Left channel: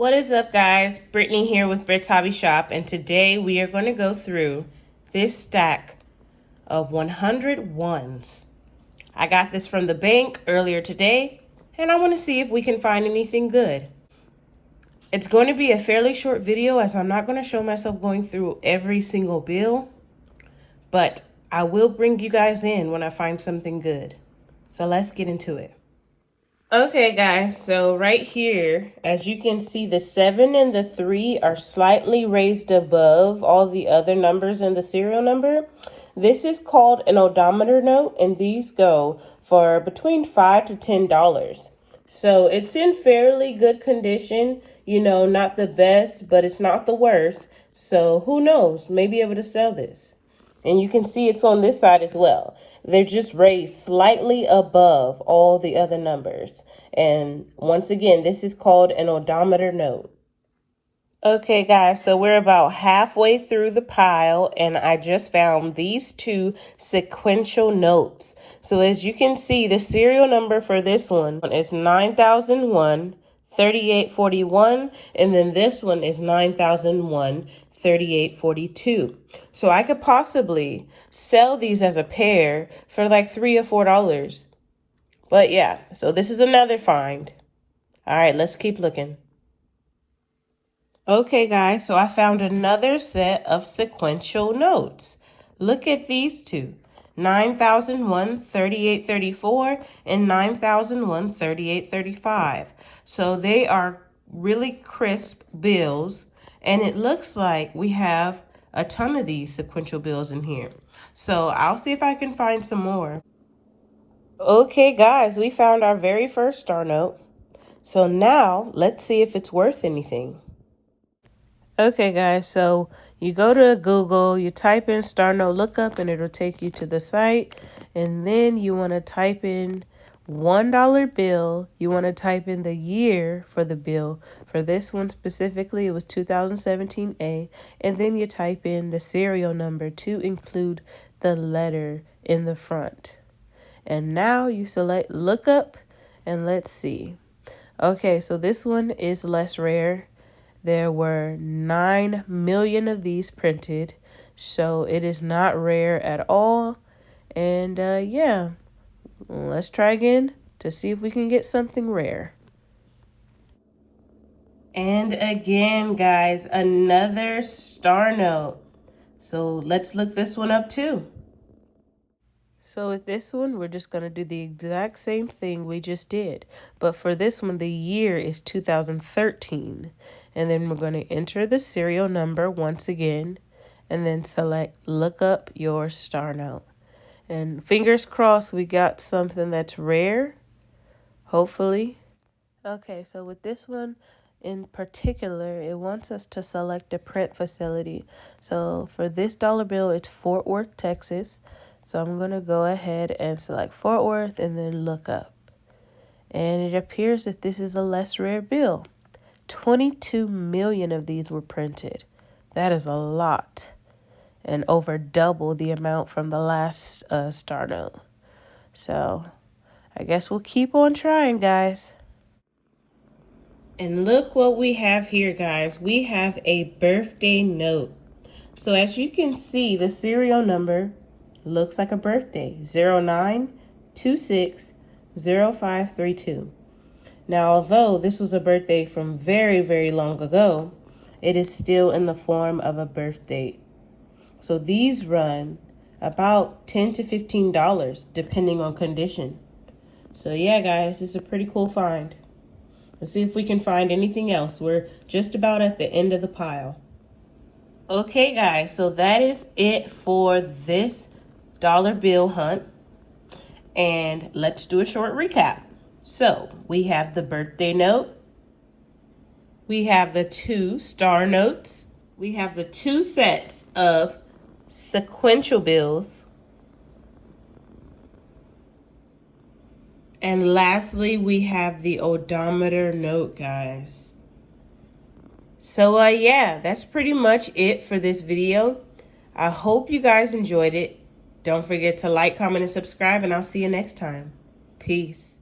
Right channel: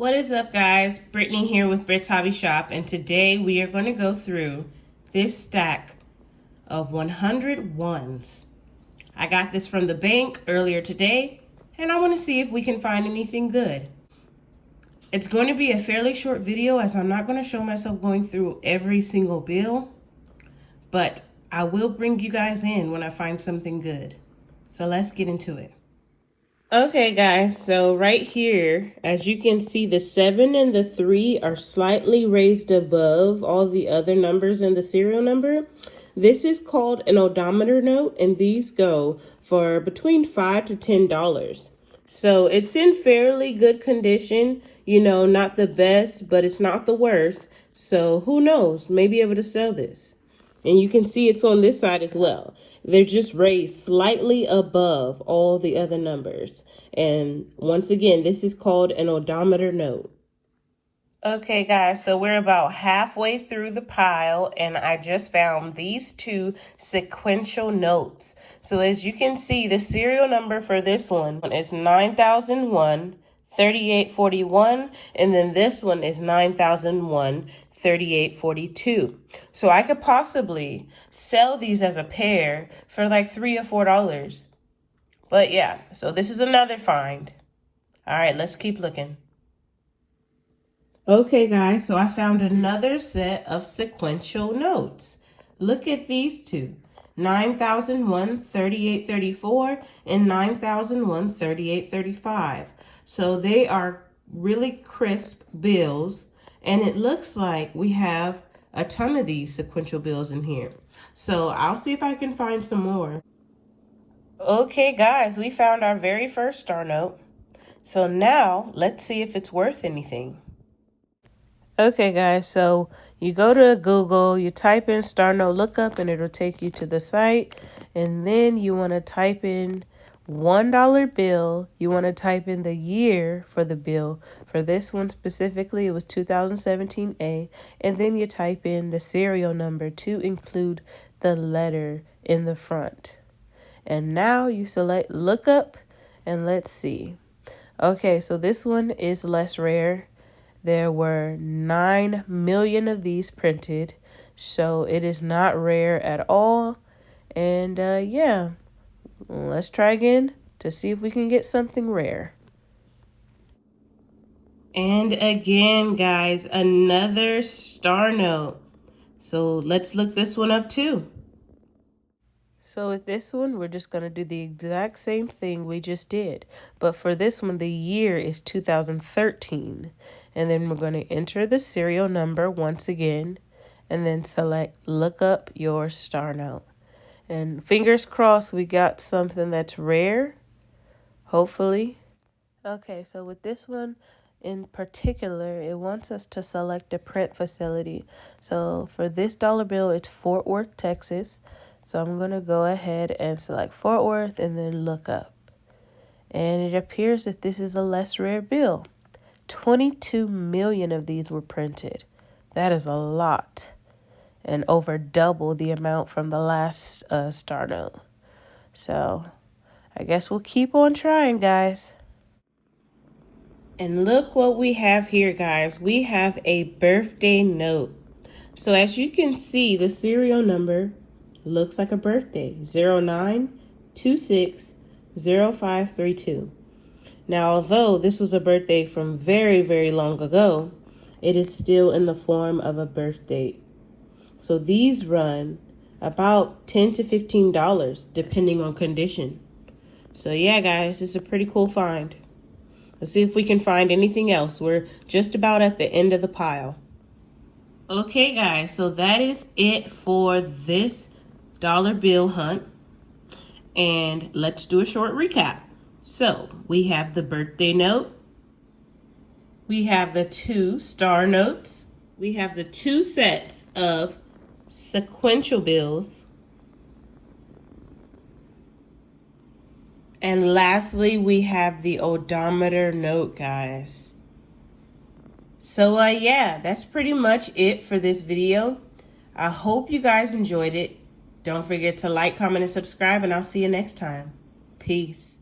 What is up, guys? Brittany here with Britt's Hobby Shop, and today we are going to go through this stack of 100 ones. I got this from the bank earlier today, and I want to see if we can find anything good. It's going to be a fairly short video as I'm not going to show myself going through every single bill, but I will bring you guys in when I find something good. So let's get into it. Okay, guys, so right here, as you can see, the 7 and the 3 are slightly raised above all the other numbers in the serial number. This is called an odometer note, and these go for between $5 to $10. So it's in fairly good condition, you know, not the best, but it's not the worst. So who knows, maybe able to sell this. And you can see it's on this side as well. They're just raised slightly above all the other numbers. And once again, this is called an odometer note. Okay, guys, so we're about halfway through the pile, and I just found these two sequential notes. So as you can see, the serial number for this one is 9001. 3841, and then this one is 9001 3842. So I could possibly sell these as a pair for like $3 or $4. But yeah, so this is another find. All right, let's keep looking. Okay, guys, so I found another set of sequential notes. Look at these two. 9001 3834 and 9001 3835. So they are really crisp bills, and it looks like we have a ton of these sequential bills in here. So I'll see if I can find some more. Okay, guys, we found our very first star note. So now let's see if it's worth anything. Okay, guys, so you go to Google, you type in Star Note Lookup, and it'll take you to the site. And then you want to type in $1 bill. You want to type in the year for the bill. For this one specifically, it was 2017A. And then you type in the serial number to include the letter in the front. And now you select Lookup, and let's see. Okay, so this one is less rare. There were 9 million of these printed, so it is not rare at all. And yeah, let's try again to see if we can get something rare. And again, guys, another star note. So let's look this one up too. So with this one, we're just going to do the exact same thing we just did. But for this one, the year is 2013. And then we're going to enter the serial number once again. And then select look up your star note. And fingers crossed we got something that's rare. Hopefully. Okay, so with this one in particular, it wants us to select a print facility. So for this dollar bill, it's Fort Worth, Texas. So I'm going to go ahead and select Fort Worth and then look up. And it appears that this is a less rare bill. 22 million of these were printed. That is a lot. And over double the amount from the last star note. So I guess we'll keep on trying, guys. And look what we have here, guys. We have a birthday note. So as you can see, the serial number looks like a birthday, 09260532. Now, although this was a birthday from very, very long ago, it is still in the form of a birth date. So these run about $10 to $15, depending on condition. So yeah, guys, it's a pretty cool find. Let's see if we can find anything else. We're just about at the end of the pile. Okay, guys, so that is it for this dollar bill hunt. And let's do a short recap. So we have the birthday note. We have the 2 star notes. We have the 2 sets of sequential bills. And lastly, we have the odometer note, guys. So yeah, that's pretty much it for this video. I hope you guys enjoyed it. Don't forget to like, comment, and subscribe, and I'll see you next time. Peace.